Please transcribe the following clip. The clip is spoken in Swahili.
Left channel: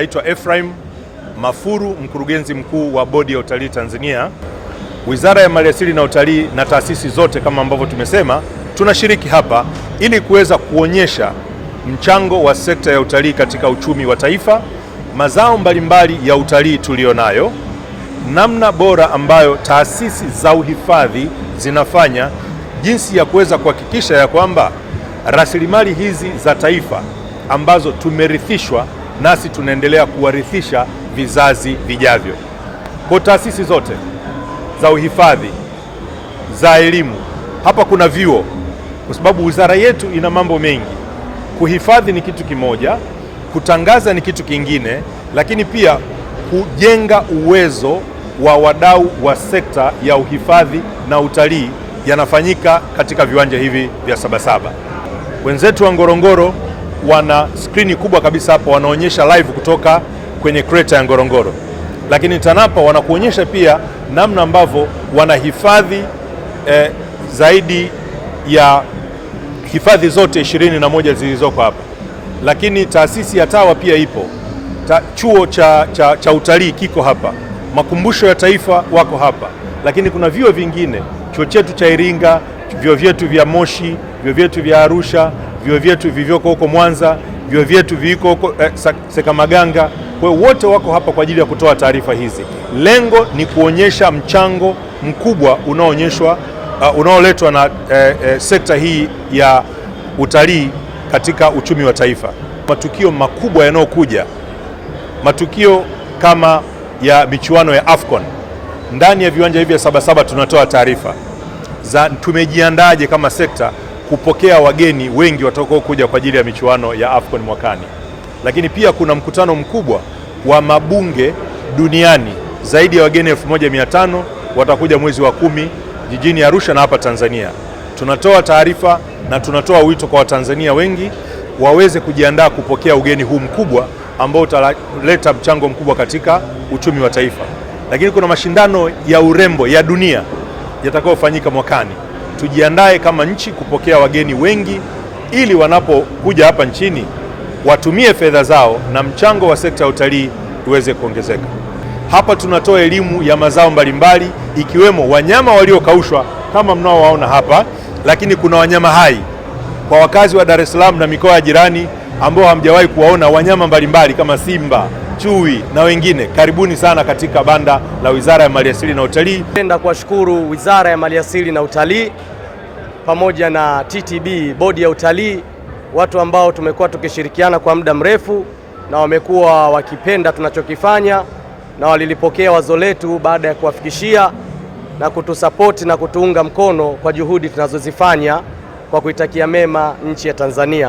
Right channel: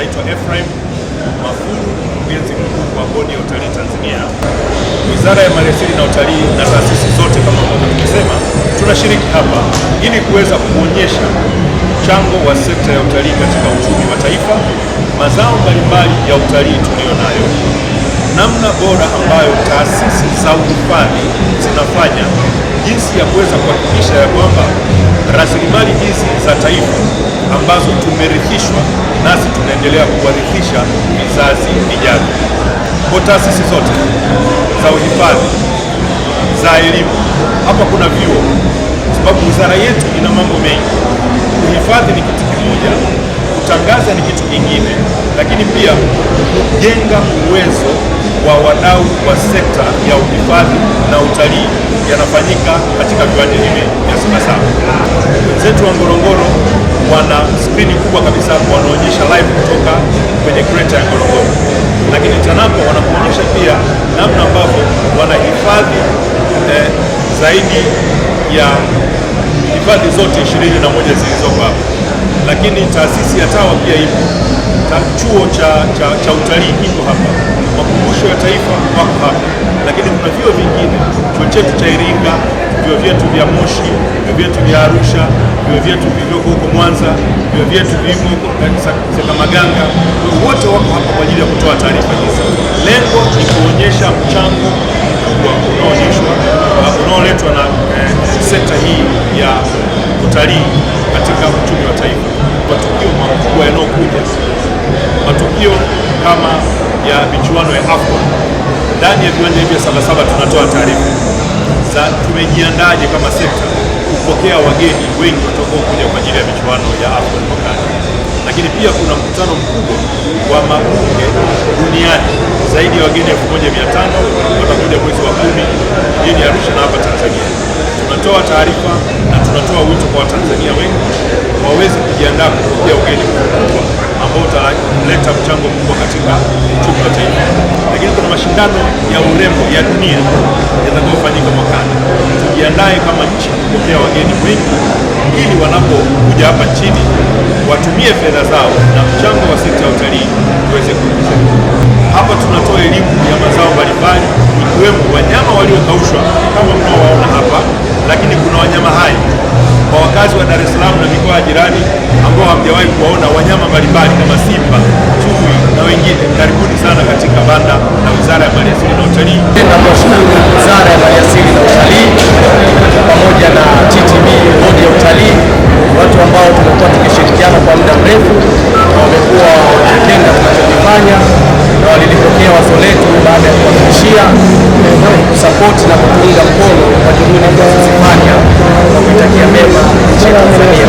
Naitwa Ephraim Mafuru, mkurugenzi mkuu wa Bodi ya Utalii Tanzania. Wizara ya Maliasili na Utalii na taasisi zote kama ambavyo tumesema, tunashiriki hapa ili kuweza kuonyesha mchango wa sekta ya utalii katika uchumi wa taifa, mazao mbalimbali ya utalii tulionayo, namna bora ambayo taasisi za uhifadhi zinafanya, jinsi ya kuweza kuhakikisha ya kwamba rasilimali hizi za taifa ambazo tumerithishwa nasi tunaendelea kuwarithisha vizazi vijavyo. Kwa taasisi zote za uhifadhi, za elimu, hapa kuna vyuo, kwa sababu wizara yetu ina mambo mengi. Kuhifadhi ni kitu kimoja, kutangaza ni kitu kingine, lakini pia kujenga uwezo wa wadau wa sekta ya uhifadhi na utalii yanafanyika katika viwanja hivi vya Sabasaba. Wenzetu wa Ngorongoro wana skrini kubwa kabisa hapo, wanaonyesha live kutoka kwenye kreta ya Ngorongoro, lakini TANAPA wanakuonyesha pia namna ambavyo wanahifadhi zaidi ya hifadhi zote 21 zilizoko hapa. Lakini taasisi ya TAWA pia ipo, chuo cha utalii kiko hapa, makumbusho ya taifa wako hapa, lakini kuna vyuo vingine, chuo chetu cha Iringa, vyuo vyetu vya Moshi, vyuo vyetu vya Arusha, vyuo vyetu vilivyoko huko Mwanza, vyuo vyetu viko huko Sekamaganga, wote wako hapa kwa ajili ya kutoa taarifa hizi. Lengo ni kuonyesha mchango mkubwa unaoletwa na sekta hii ya utalii katika uchumi wa taifa. Matukio makubwa yanayokuja, matukio kama ya michuano ya AFCON, ndani ya viwanja hivi vya Sabasaba tunatoa taarifa za tumejiandaje kama sekta kupokea wageni wengi watakaokuja kwa ajili ya michuano ya AFCON mwakani. Lakini pia kuna mkutano mkubwa wa mabunge duniani, zaidi ya wageni 1500 watakuja mwezi wa 10 jijini Arusha na hapa Tanzania. Tunatoa taarifa na tunatoa wito kwa Watanzania wengi waweze kujiandaa kupokea ugeni huu mkubwa ambao utaleta mchango mkubwa katika uchumi wa taifa. Lakini kuna mashindano ya urembo ya dunia yatakayofanyika mwakani. Tujiandae kama nchi kupokea wageni wengi ili wanapokuja hapa nchini watumie fedha zao na mchango wa sekta ya utalii uweze kuongezeka. Hapa tunatoa elimu ya mazao mbalimbali ikiwemo wanyama waliokaushwa kama mnaowaona hapa, lakini kuna wanyama hai kwa wakazi wa Dar es Salaam na mikoa ya jirani ambao hamjawahi kuwaona wanyama mbalimbali kama simba, chui na wengine. Karibuni sana katika banda la Wizara ya Maliasili na Utalii. Napenda kuwashukuru Wizara ya Maliasili na Utalii pamoja na TTB, Bodi ya Utalii, watu ambao tumekuwa tukishirikiana kwa muda mrefu na wamekuwa wakipenda tunachokifanya na walilipokea wazo letu baada ya kuwafikishia kusapoti na kutuunga mkono kwa juhudi tunazozifanya na kuitakia mema nchi ya Tanzania.